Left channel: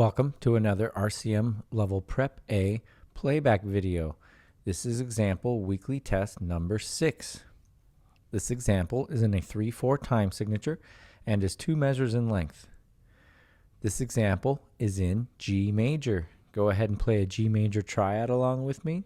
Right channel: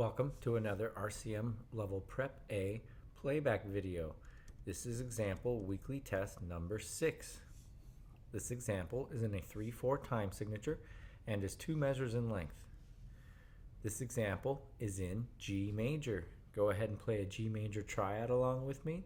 Welcome to another RCM Level Prep A playback video. This is example weekly test number 6. This example is in a 3/4 time signature and is 2 measures in length. This example is in G major. Go ahead and play a G major triad along with me.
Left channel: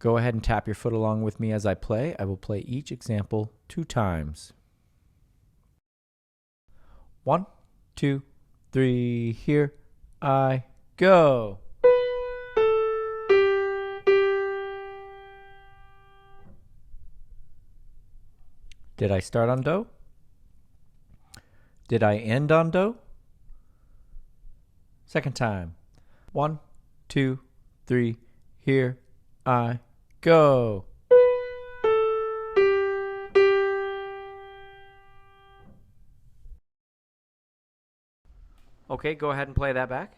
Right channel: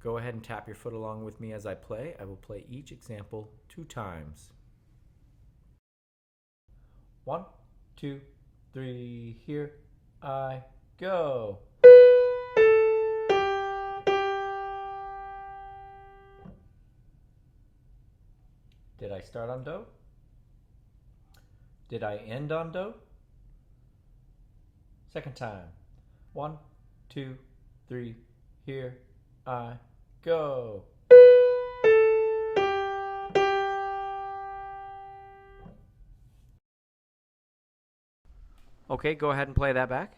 Go ahead and tap your foot along with me as I play. I will play each example 2 times. 1, 2, 3, here I go. Did I start on Do? Did I end on Do? Second time. 1, 2, 3, here I go. Okay, go ahead and play that back.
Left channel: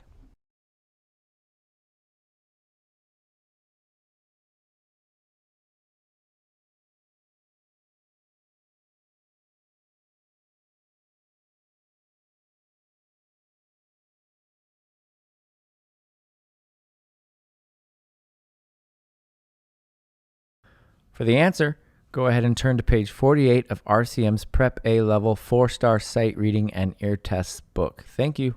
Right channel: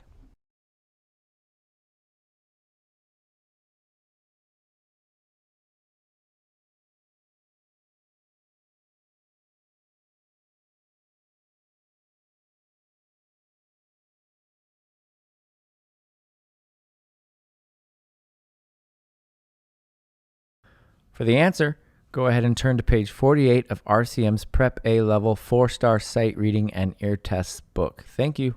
For the answer, go ahead and turn to page 48 of RCM's Prep A Level 4-star sight reading and ear tests book. Thank you.